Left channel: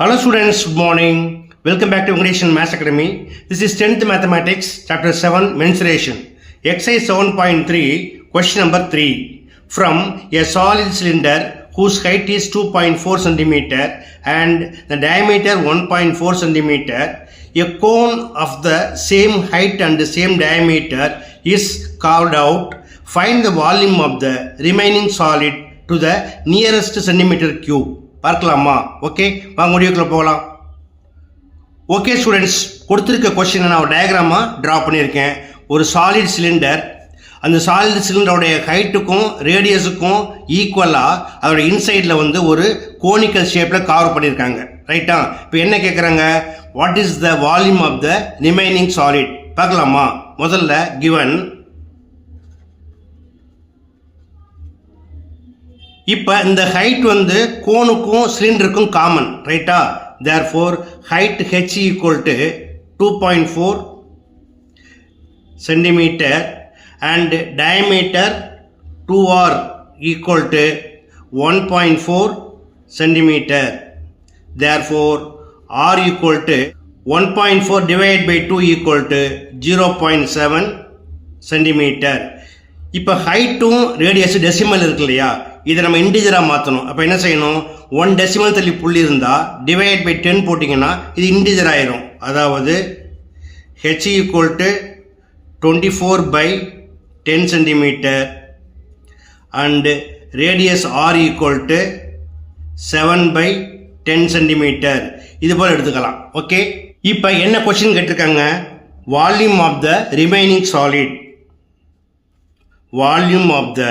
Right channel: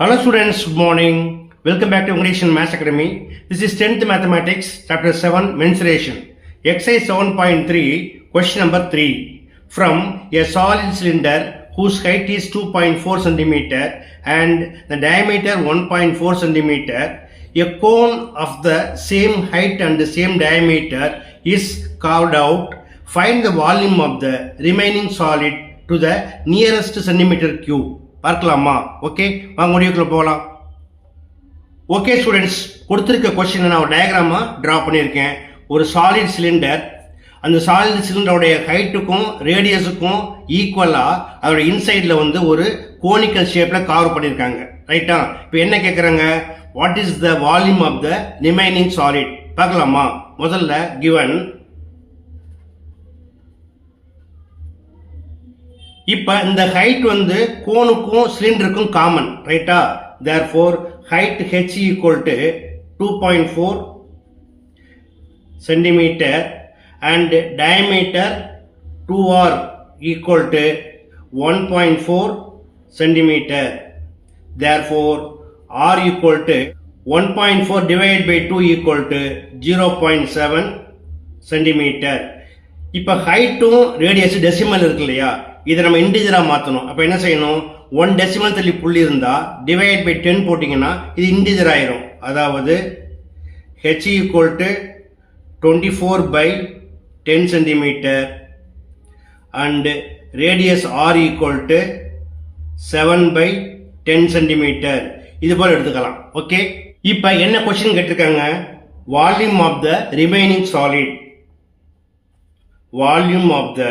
Hello students, good morning. Welcome back to English and Maths Academy. This is 10th Mathematics, Chapter 7, Mensuration. Exercise 7.3, question number 3. From a solid cylinder whose height is 2.4 cm and the diameter 1.4 cm, a cone of the same height and the same diameter is carved out. Find the volume of the remaining solid to the nearest centimeter cube. பார்க்கலாமா? Okay, வாங்க முடிவுக்குள்ள போகலாம். Okay students, கொடுத்துருக்க கொஸ்டினை நான் ஒரு டயக்ராமாக draw பண்ணியிருக்கேன். ஒரு solid cylinder, அந்த சாலிட் சிலிண்டருடைய ஹைட்டுக்கும் ரேடியஸுக்கும் ஈக்குவலாக அதோட இன்சைடில் ஒரு கோனிக்கல் ஷேப்பில் கவர் பண்ணியிருக்காங்க. ரைட்டா? இப்போ என்ன கேட்குறாங்க? What is the volume of the remaining solid பார்க்கலாமா? முதல்ல கிவன். இப்போ இந்த ஹைட் கோனுக்கும் சிலிண்டருக்கும் காமன். ரைட்டா? Therefore height h equal to 2.4 centimetre and diameter 2r equal to 1.4 centimetre. Therefore r equal to 1.4 divide by 2 equal to 0.7 centimetre. இப்போ ஹைட்டும் radius decimal இருக்கு இல்லையா, இதை நம்ம இன்டிஜராக மாற்றணும். அப்போ என்ன செய்யணும்? 1 டெசிமல் தள்ளி புள்ளி இருந்தால் டிவைட் பை 10 போட்டிங்கன்னா இது இன்டிஜர் ஆயிரும். அதாவது h equal to 24 by 10 centimetre and radius r equal to 7 by 10 centimetre. இது போல் எடுத்துக்கலாம். ஓகே, இப்போ என்ன கொஸ்டின் கேட்டிருக்காங்க? Volume of the remaining solid. Volume of the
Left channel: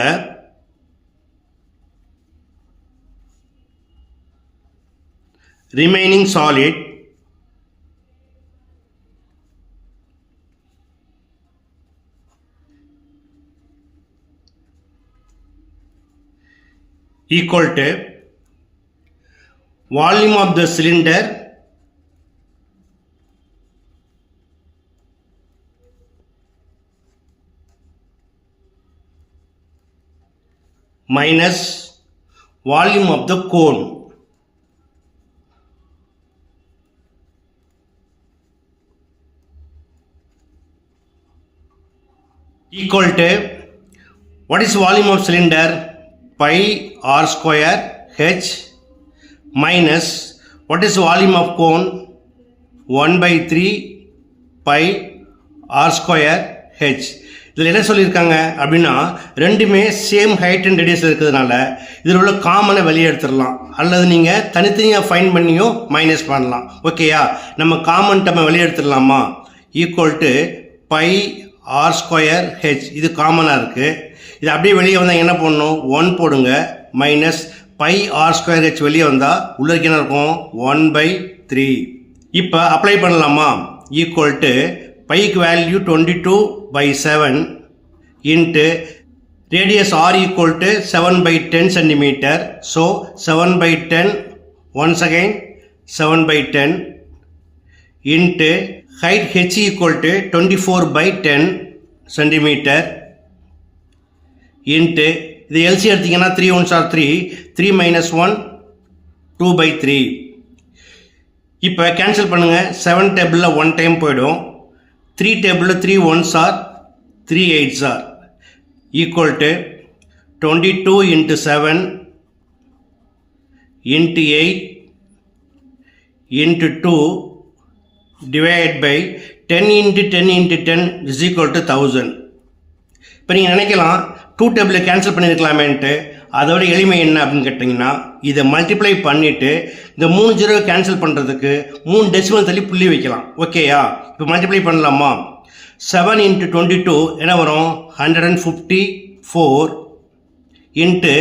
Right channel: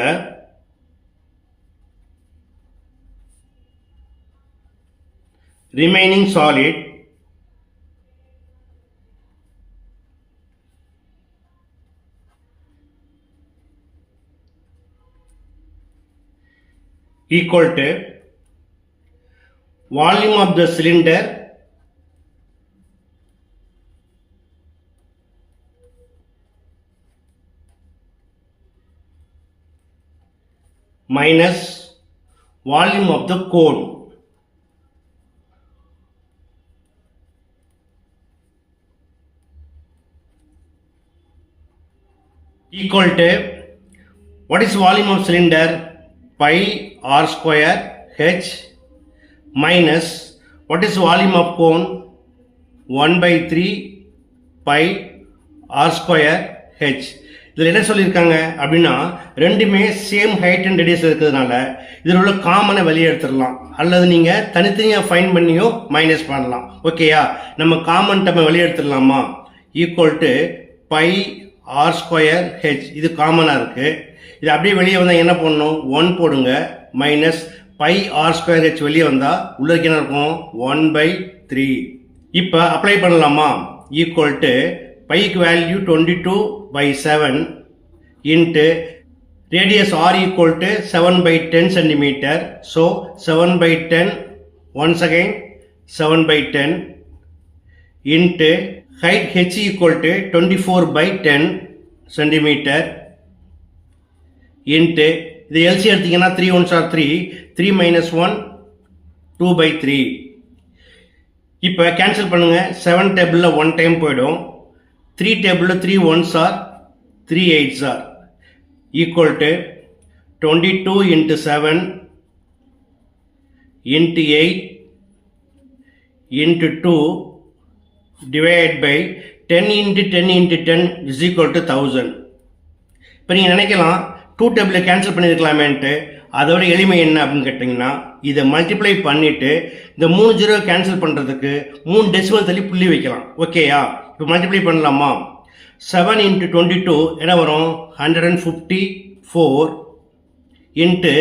remaining solid equal to volume of the cylinder minus volume of the cone. Equal to, what is volume of cylinder? Pi r square h minus what is volume of cone? 1 by 3 pi r square h. இதில் என்ன சொல்லியிருக்காங்க அப்படின்னா, ரெண்டுமே same height and radius இருக்கிறதுனால இதில் உள்ள காமனை வெளியே எடுத்துடலாம், அல்லது நீங்கள் தனித்தனியாக ஃபைன் பண்ணியும் மைனஸ் பண்ணலாம். ஓகேயா? நம்ம காமன் நம்ம வெளியே எடுத்துடலாமா? Equal to pi r square h. இது காமனாக இருக்குது. இது அப்படியே வெளியே வந்தால் என்ன பண்ணணும்? 1 போடுங்க. Minus pi r square h வெளியே வந்தால் உள்ளே என்ன இருக்கும்? 1 by 3. இப்போ அப்ளை பண்ணலாமா? ஈக்குவல் டு பைக்கு value 22 by 7 into radius r equal to 7 by 10 centimetre. So 7 by 10 once again 7 by 10 into height h equal to 24 by 10 centimetre into இது LC எடுத்தீங்கன்னா 3 1s are 3, 3 minus 1 2 by 3. இப்போ cancel பண்ணுங்கள். 7 டேபிளில் 1 time போயிடும். 3 டேபிளில் 3 1s are 3 8s are equal to 22 into 7 into 8 into 2 divided by 10 into 10 into 10 is equal to 1000. இப்போ நீங்கள் நினைக்கலாம் 2 டேபிளில் கேன்சல் பண்ணியிருக்கலாமேன்ட்டு. அதோட எளிமை என்ன அப்படின்னு கேட்டிங்கன்னா, இதை மல்டிப்ளை பண்ணிவிட்டு இந்த 3 ஜீரோ கேன்சல் பண்ணுறதுக்கு 3 டெசிமல் தள்ளி புள்ளி வைக்கலாம். ஓகேயா? இப்போ மல்டிப்ளை பண்ணலாமா? 7 into 22 என்ன வரும்? 154 இன்ட்டு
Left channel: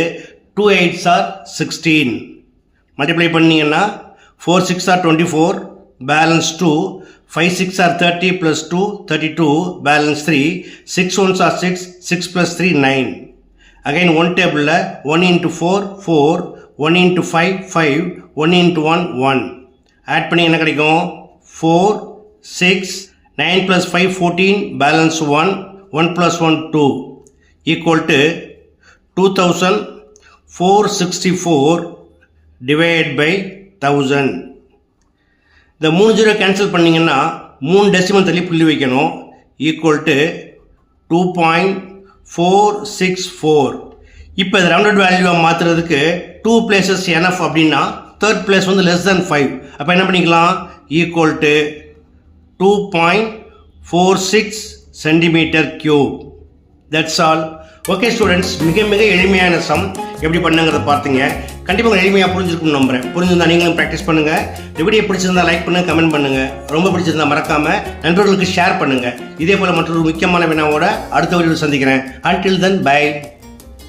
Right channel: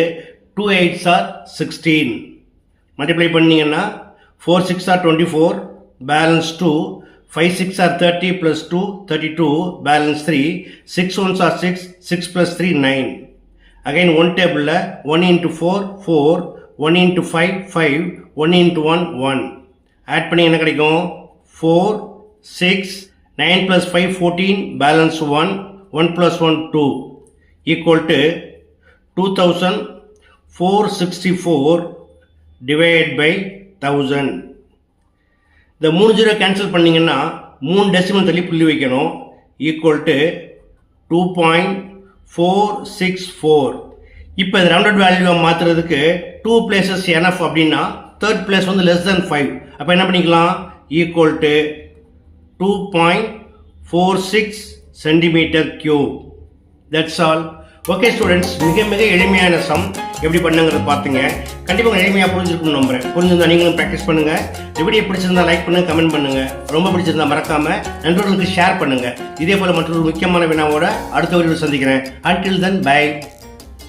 2 8s are 16. மல்டிப்ளை பண்ணிங்கன்னா 4 6 are 24, balance 2, 5 6 are 30 plus 2 32, balance 3, 6 1s are 6, 6 plus 3 9. Again 1 table 1 into 4 4, 1 into 5 5, 1 into 1 1. Add பண்ணி என்ன கிடைக்கும்? 4 6 9 plus 5 14, balance 1, 1 plus 1 2 equal to 2464 divided by 1000. இந்த 3 ஜீரோ கேன்சல் பண்ணிங்கன்னா 3 டெசிமல் தள்ளி புள்ளி வைக்கணும். Equal to 2.464. இப்போ இது ரவுண்டட் வேல்யூவை மாற்றுறதுக்கு 2 பிளேசஸ் NF அப்படின்னா தேர்ட் பிளேஸ் வந்து லெஸ் தென் 5. அப்போ என்ன பண்ணிக்கலாம்? Equal to 2.46 centimetre cube. That's all. Okay students, மிக மிக எளிமையான சம் எப்படி பண்ணுங்கிறத பார்த்தீங்க. கண்டிப்பாக எளிமையாக புரிஞ்சிருக்கும்னு நம்புறேன். புரிஞ்சிருந்தா நீங்களும் ப்ராக்டிஸ் பண்ணுங்கள். இந்த வீடியோ பிடிச்சிருந்தா லைக் பண்ணுங்கள், கமெண்ட் பண்ணுங்கள். ரொம்ப பிடிச்சிருந்தா மறக்காமல் நண்பர்களுக்கு ஷேர் பண்ணுங்கள். இதே போல் மற்றொரு முக்கியமான வினாவோட அடுத்த வீடியோவில் சந்திக்கிறேன். Until then, bye.